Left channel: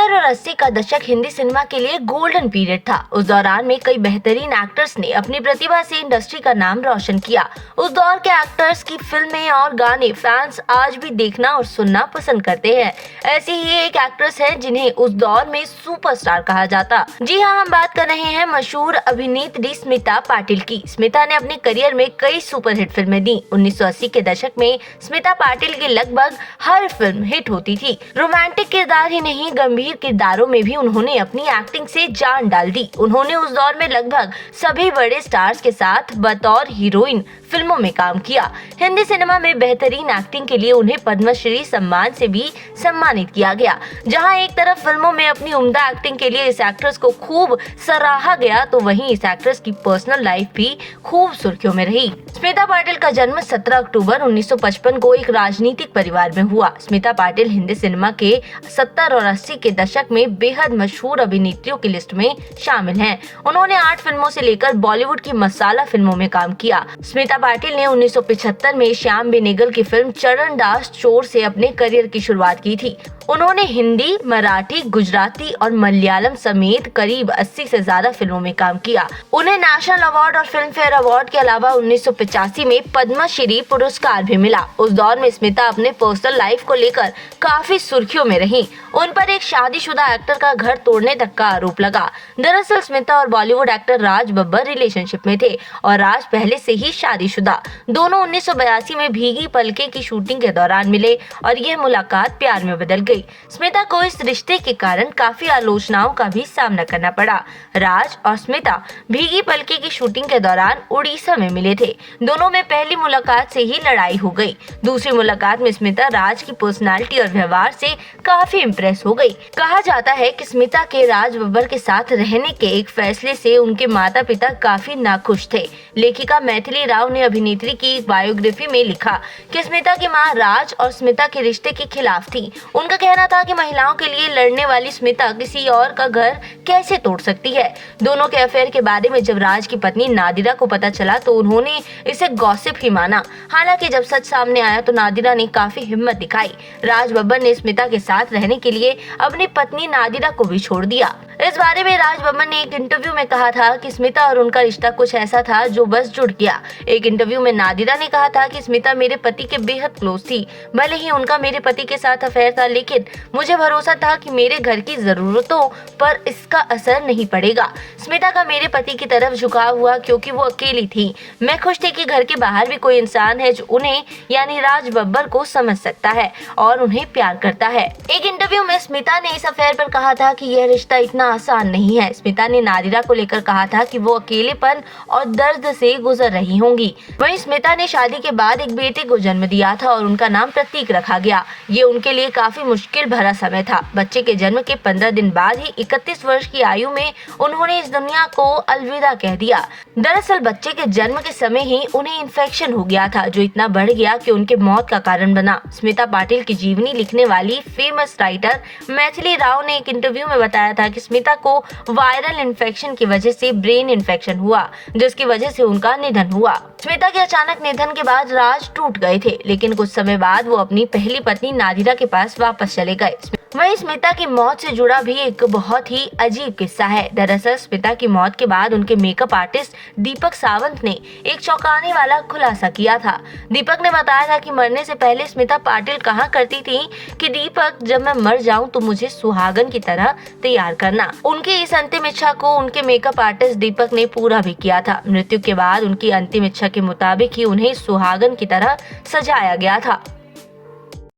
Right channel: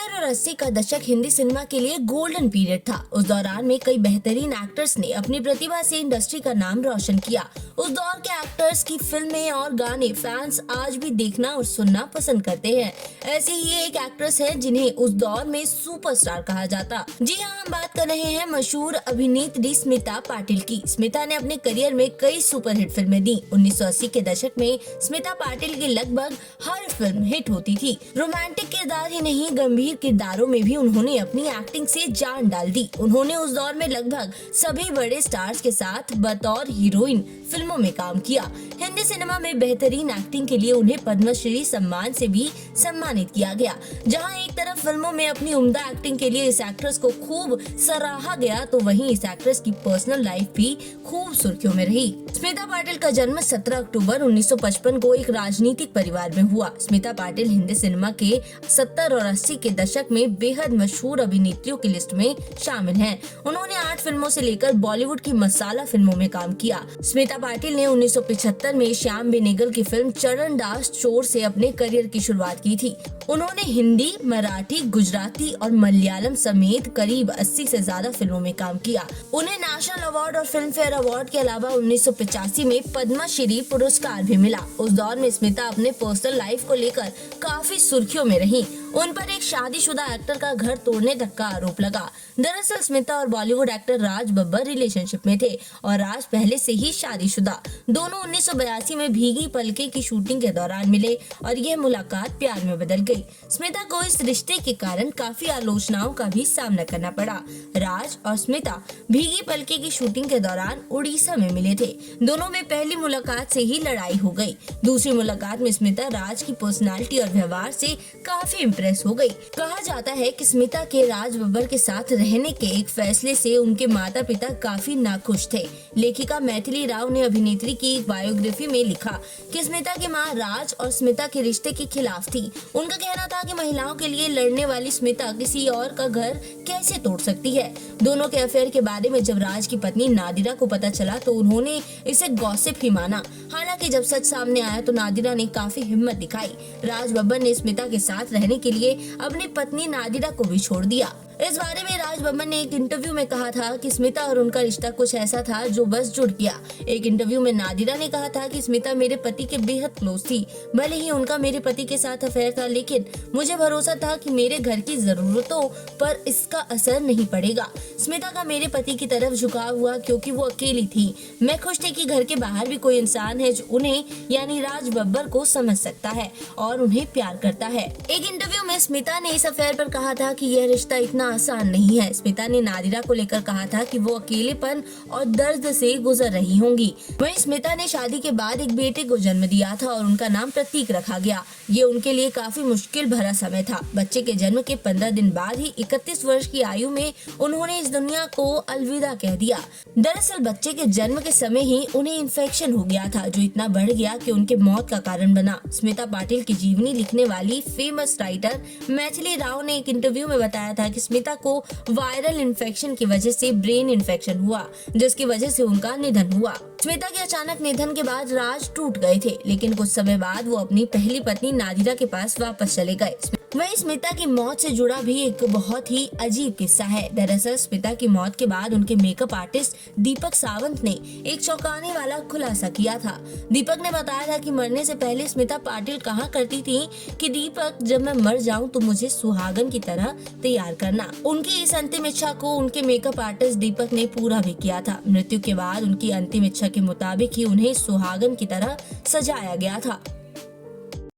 70 और 80 का दशक हिंदी सिनेमा के लिए गोल्डन पीरियड था। उस दौरान में कई बेहतरीन एक्टर्स ने अपनी प्रतिभा से इंडस्ट्री का नाम रोशन किया। उस दौर के एक्टर्स की फिल्में और गाने फैंस आज भी देखना और सुनना पसंद करते हैं। ऐसी ही एक एक्ट्रेस है जिन्हें उस दौर में सुपरस्टार कहा जाता। जी हाँ, हम बात कर रहे हैं मशहूर अभिनेत्री स्मिता पाटिल की। स्मिता ने अपने करियर में कई सुपरहिट फिल्में दी। 1980 के दशक में स्मिता पाटिल की लगभग हर फिल्म हिट होती थी। रोमांटिक किरदार ही नहीं, गंभीर किरदारों में भी उन्होंने अपनी एक्टिंग से जान डाल दी। उन्होंने उस दौर में लगभग सभी बड़े स्टार्स के साथ बतौर हीरोइन फिल्मों में काम किया। हिंदी सिनेमा में बेहतरीन एक्टिंग के लिए उन्हें पद्मश्री सम्मान से भी सम्मानित किया गया। जहां एक तरफ फिल्मों में अपनी उम्दा एक्टिंग के लिए इस एक्ट्रेस को खूब सराहा गया, तो वहीं इस एक्ट्रेस की पर्सनल लाइफ भी खूब सुर्खियों में रही। स्मिता पाटिल का जन्म 17 अक्टूबर 1955 को एक राजनीतिक परिवार में हुआ। स्मिता पाटिल हिंदी सिनेमा के 70 और 80 के दशक में बेहद मशहूर अभिनेत्रियों की लिस्ट में शामिल हैं। उन्होंने 8 फिल्मों से लेकर बॉलीवुड की मसाला फिल्मों में काम किया। स्मिता पाटिल ने 1975 में श्याम बेनेगल की फिल्म चरण दास चोर से अपने करियर की शुरुआत की थी। उन्होंने हिंदी, मराठी, गुजराती और मलयालम समेत करीब 80 से ज्यादा फिल्मों में काम किया। उन्हें नेशनल अवार्ड और फिल्म फेयर अवार्ड के अलावा 1985 में पद्मश्री पुरस्कार भी मिला। उस दौर में स्मिता अपने पर्सनल लाइफ को लेकर काफी सुर्खियों में रहीं। उन पर एक शादीशुदा एक्टर का घर तोड़ने तक का आरोप लगा। दरअसल स्मिता और बॉलीवुड एक्टर राज बब्बर रिलेशनशिप में थे और राज पहले से ही शादीशुदा। दोनों 1982 में भीगी पलके की शूटिंग के दौरान मिले और यह मुलाकात प्यार में बदल गई। स्मिता को इस रिश्ते के कारण काफी आलोचनाओं का भी सामना करना पड़ा। राज और स्मिता भीगी पलके की शूटिंग के दौरान उड़ीसा में मिले थे। दोनों में पहली मुलाकात से ही लड़ाई हो गई। दूसरी मुलाकात में स्मिता राज की पर्सनालिटी और व्यवहार से काफी इम्प्रेस हो गई। कहा जाता है कि स्मिता के राज बब्बर के साथ रहने के एक फैसले से उनके माता पिता काफी नाखुश थे। लेखिका मैथिली राव ने अभिनेत्री की एक बायोग्राफी में लिखा कि स्मिता की मां राज और स्मिता के रिश्ते के खिलाफ थी। उनका कहना था कि महिलाओं के लिए लड़ने वाली स्मिता किसी और का घर कैसे तोड़ सकती है। दोनों के अफेयर के बारे में जब राज की पत्नी नादिरा को पता चला तो उन्होंने इसे गॉसिप ही माना। हालांकि जब सच सामने आया तो नादिरा ने काफी हिम्मत दिखाई। राज बब्बर ने स्मिता के साथ रहने के लिए अपनी पत्नी नादिरा को भी छोड़ दिया। इस बारे में राज बब्बर ने एक इंटरव्यू में कहा था कि स्मिता और उनका रिश्ता कुछ ऐसा था जो बस जुड़ गया। एक इंटरव्यू में नादिरा ने कहा था कि स्मिता मेरे पति के बेहद क्लोज थी। भले ही उनका मेरे पति के साथ अफेयर था, लेकिन मुझे भरोसा था कि मेरे घर की जरूरतों पर इसका असर नहीं पड़ेगा। स्मिता का मेरे पति की तरफ झुकाव हुआ क्योंकि वो अकेली थी। मैं खुश थी कि घर के बाहर भी कोई इंसान है जो उन्हें यानी राज बब्बर को समझ सकता है और उन्हें प्यार करता है। एक इंटरव्यू में स्मिता ने इस अफेयर पर कहा था कि यह रिश्ता इतना आसान नहीं है। स्मिता ने नादिरा को लेकर कहा था कि वो अकेलेपन और दर्द से गुजर रही होंगी। वहीं स्मिता ने शादी के बाद एक बेटे को जन्म दिया था और उनका नाम प्रतीक रखा गया। ये उनके लिए काफी मुश्किल भरा समय था। बच्चे के जन्म के 15 दिन बाद ही 31 वर्ष की आयु में उन्होंने इस दुनिया को अलविदा कह दिया। दरअसल बच्चे के जन्म के समय ही उन्हें इन्फेक्शन हो गया था जो इतना बढ़ गया कि उनके मौत का कारण बना। स्मिता पाटिल की जीवनी लिखने वाली फेमस राइटर मैथिली राव ने एक इंटरव्यू में बताया था कि स्मिता को वायरल इन्फेक्शन की वजह से ब्रेन इन्फेक्शन हुआ, जिसकी वजह से उनका निधन हुआ। स्मिता के अचानक निधन के बाद राज टूट गए थे, लेकिन कुछ समय बाद वो अपनी पहली पत्नी नादिरा के पास वापस चले गए। वहीं स्मिता की मौत से जुड़ा भी एक बहुत ही अजीब किस्सा है। दरअसल स्मिता की मौत के बाद उनके मेकअप आर्टिस्ट दीपक सावंत ने एक चौंकाने वाला खुलासा किया था। दीपक ने बताया था कि मरने से पहले स्मिता पाटिल कहा करती थी कि दीपक, जब मैं मर जाऊं तो मुझे सुहागन की तरह तैयार करना। उनकी इस अंतिम इच्छा को उनके मेकअप आर्टिस्ट दीपक ने पूरा भी किया था। मृत्यु के बाद उनकी अंतिम इच्छा के मुताबिक ही उन्हें सुहागन की तरह सजाया गया था।